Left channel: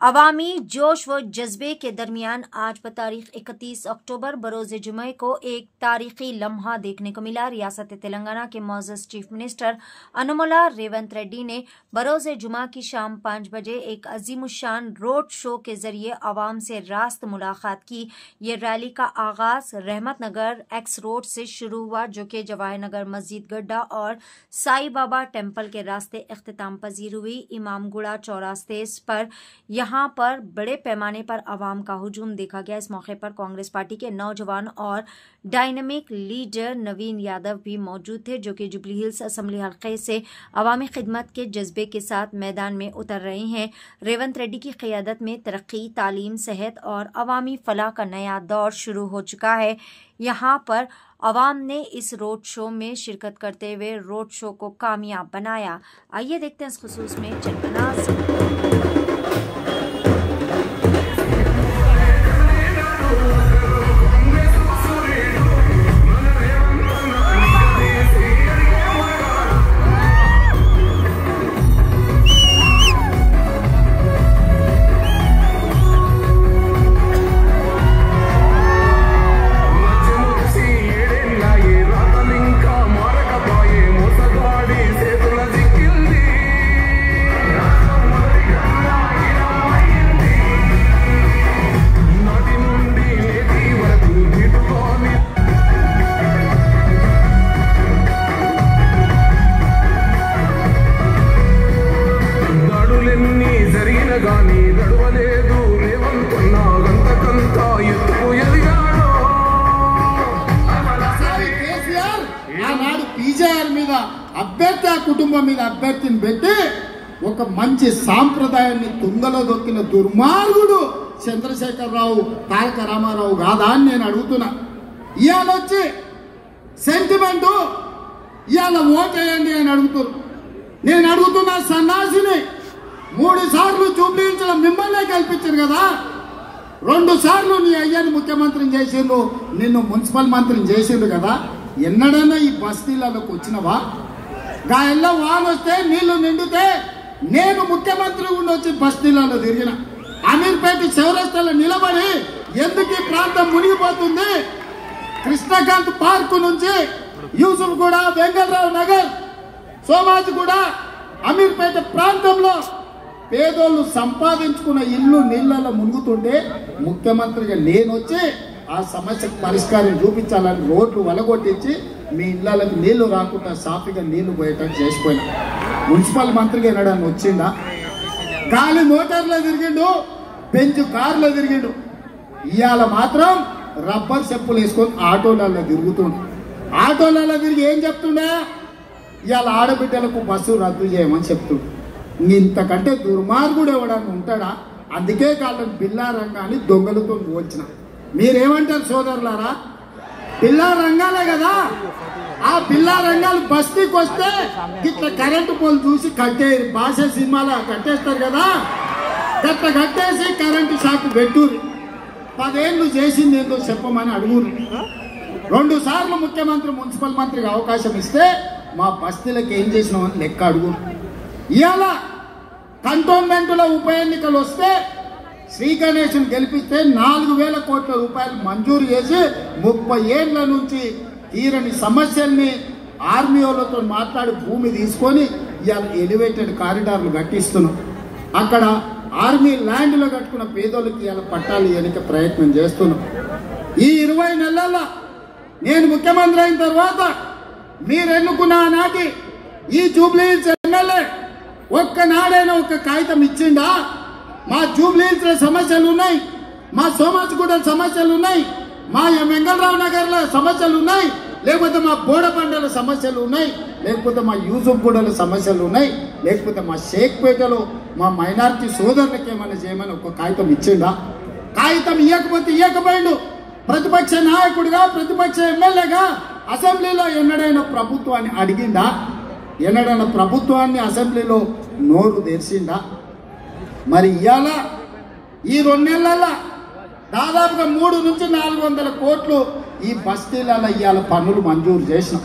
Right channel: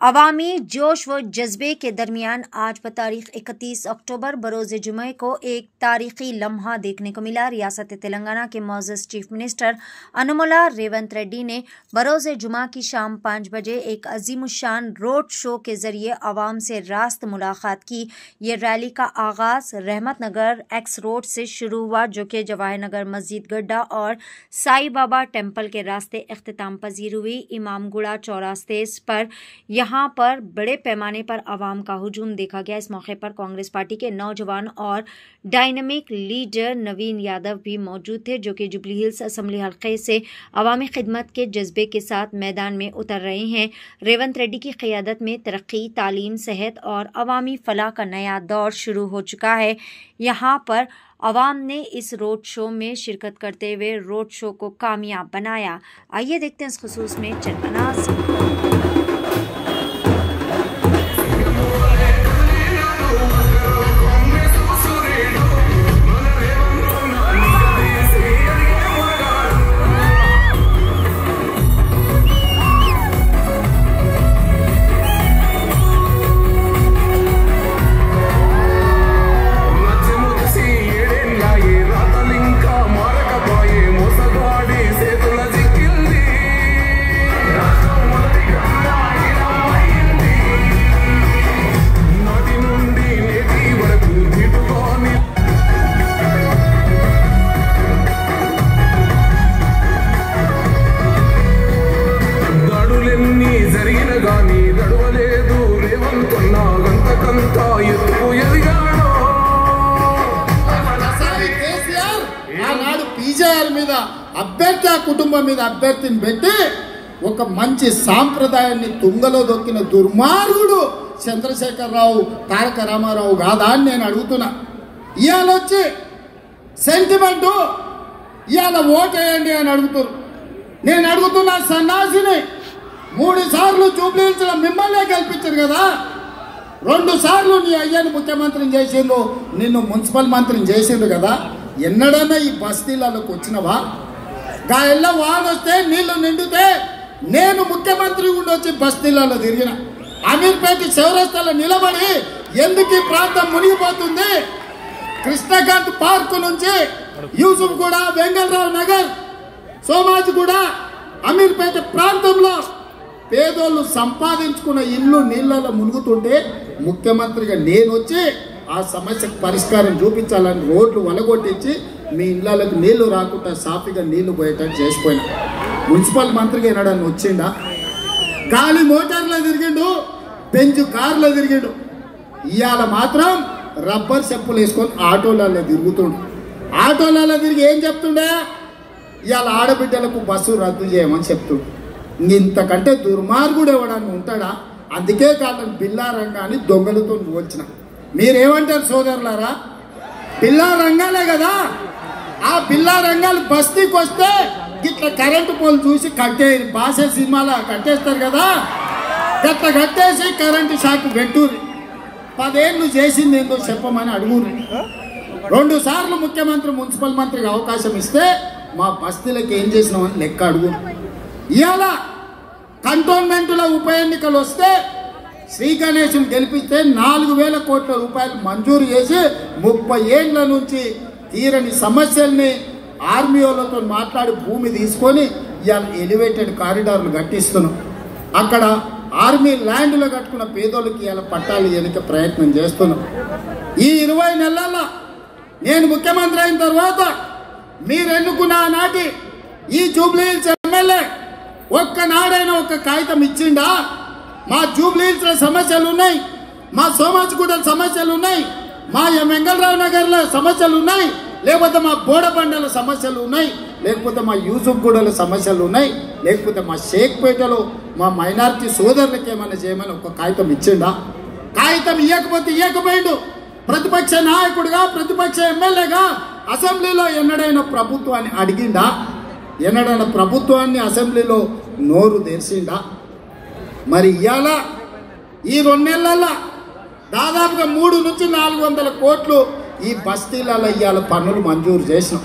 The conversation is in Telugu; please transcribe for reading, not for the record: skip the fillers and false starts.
अवामी जोश व जज्बे के दरमियान आज तारीख 31 अक्टूबर बरोज़ जुमे को एक तारीखी लम्हा देखने को मिला। रियासत तेलंगाना के मौजूद चीफ मिनिस्टर अनुमुला रेवंत रेड्डी ने बरोज़ जुमा की शाम 5 बजे एक अजीमुशान रोड शो के जरिए अवाम से रास्त मुलाकात की। ये रैली का आगाज रहमत नगर एक्स रोड से शुरू हुआ, जो कि जवाहर नगर मस्जिद गड्ढा और साई बाबा टेम्पल के रास्ते इख्तिताम पजीर हुई। इमामगुड़ा चौरास्ते पर यहाँ पर बड़े पैमाने पर आवाम का हुजूम देखा गया। इस मौके पर कांग्रेस पार्टी के नौजवान और डायनामिक लीडर नवीन यादव भी मौजूद थे, जो कि जुबली हिल्स असेंबली हल्के से अवामी खिदमत के जज्बे के साथ मैदान में उतर रहे हैं। रेवंत रेड्डी की क़यादत में तरक्की, तालीम, सेहत और अवामी फलाह का नया दौर शुरू हो चुका है। यहाँ पर अवाम ने इस रोड शो में शिरकत करते हुए रोड शो को कामयाब बनाया। आइए देखते हैं इस खुसूस में चंद अनाज़। అభ్యర్థి కుటుంబం మీద అభ్యర్థిని పెట్టి ఒక మంచి సాంప్రదాయాన్ని తుంగలో దొక్కిన దుర్మార్గుడు చంద్రశేఖరరావు తారక రామారావు కాదా అని నేను అడుగుతున్నా. ఇవాళ వచ్చి సెంటిమెంటు ఇవాళ ఓటేయండి అని అడుగుతున్నారు. నేను అడుగుతున్నా సన్నాసిని, 3 సార్లు జూబ్లీహిల్స్లో మిమ్మల్నే గెలిపించారు కదా, 2 సార్లు నీ అయ్యను ముఖ్యమంత్రిని చేసిండు, నిన్ను మున్సిపల్ మంత్రిని చేసిండు కదా, ఎన్నడన్నా ఈ బస్తీలకు వచ్చినవా? గాయల్ల వాన వస్తే నీళ్లు నిండితే నేను ముఖ్యమంత్రి గుండి వచ్చి బస్తీలలో తిరిగిన, అమీర్పేట చౌరస్తాలో నిలబడి ఎందుకు ఈ ప్రాంతం మునిగిపోతుంది, కృష్ణకాంత్ పార్కు నుంచి యూసుఫ్ కూడా, వెంగళరావు నగర్, సోమాజ్ కూడా, అమీర్పేట ప్రాంతంలో పేదోళ్ళు సంపాదించుకున్న ఇల్లు నీళ్లలో మునుగుతుంటే ముఖ్యమంత్రిగా నేను వచ్చి ఆ సమస్యకు పరిష్కారం చూపించాలని రోడ్లు వలగొట్టించి మీ ఇళ్లకు నీళ్లు రాకుండా సాఫీగా నీళ్లు పోయేటట్టు చేసిపోయినా. మున్సిపల్ మంత్రిగా ఎన్నడన్నా వచ్చిండా? గాలి మోటార్లో తిరిగిండు, బెంచ్ కార్లో తిరిగిండు. ఇవాళ మాత్రం రబ్బర్ చెప్పులు వేసుకొని ఆటోలలో తిరుగుతుండు. ఆటోలలో తిరిగి ఏం చెప్తుండే? ఇవాళ ఆడబిడ్డలకు బస్సు రద్దు చేయమని చెప్తుండు. ఇంతకంటే దుర్మార్గుడు ఎవడన్నా ఉంటాడా? అందుకే కాలం బిల్లా రంగాన్ని దొంగలతో వచ్చిన. మీరేమంటారు సోదరులారా? బిల్లా రంగాలే కదా, ఆ బిల్లా రంగాలు బస్తీకి వస్తే ఇట్లా కరెంటు పోలు చూసి కట్టే భాష సినిమాలో కట్టేస్తారు కదా, గట్ల కట్టేసి కరెంటు షాక్ పెట్టుర్రి. 10 ఏళ్ళు చేసింది ఏందో చెప్పమని అడుగురు. 2 సార్లు ముఖ్యమంత్రి మున్సిపల్ మంత్రికి అవకాశం ఇస్తే మా బస్తీలకు ఏం చేసినామని లెక్క అడుగురు. ఇవాళ కంటోన్మెంట్లో ఉప ఎన్నికలు వస్తే శ్రీ గణేష్ను గెలిపిస్తే 4,000 కోట్ల రూపాయలు మంజూరు చేసి 30 ఏళ్ల నుంచి తీరని సమస్యల్ని ఆర్మీ వాళ్ళతో మాట్లాడి భూమి తీసుకొని ఇవాళ ఎలివేటెడ్ కారిడార్లు కట్టిస్తున్నాం. అక్కడ ఆర్మీ ల్యాండ్లో కట్టుకున్న పేదోళ్ళకి ఇవాళ పట్టాలు ఎన్నిక ప్రయత్నం చేస్తున్నాం. ఈ 20 నెలల్లో నేను ముఖ్యమంత్రి అయిన తర్వాత మీరు ఎన్నుకున్న నాటి ఈ జూబ్లీహిల్స్ ఎమ్మెల్యే ఒక్కనాడైనా ఒక కాగితం ఇచ్చిండా? మా జూబ్లీహిల్స్లో సమస్యలు ఉన్నాయి, మా సోమాజిగూడ సమస్యలు ఉన్నాయి, మా వెంగళరావు నగర్లో సమస్యలు ఉన్నాయి, లేకపోతే మా బోడబండల సమస్యలు ఉన్నాయి, లేకపోతే మా యూసుఫ్ గూడల సమస్యలు ఉన్నాయి, లేకపోతే మా షేక్పేటలో మా మైనారిటీ సోదరులకు ఏమైనా చేయమని ఒక కాగితం ఇచ్చిండా? కాగితం ఇవ్వకపోతే ఇవ్వకపోయిండు. ప్రతిపక్ష నాయకుడిగా, ప్రతిపక్ష ఎమ్మెల్యేగా అసెంబ్లీలో ఎన్నడైనా ప్రభుత్వాన్ని అడిగిండా? ఎన్నడైనా ప్రభుత్వాన్ని అసెంబ్లీలో నోరు తెరిచిండా? మరి ఇవాళ ఈ 2 నెలల్లో దాదాపుగా 300 నుంచి 400 కోట్లు ఈ బస్తీలలో ఇవాళ పన్నులు మంజూరు చేసి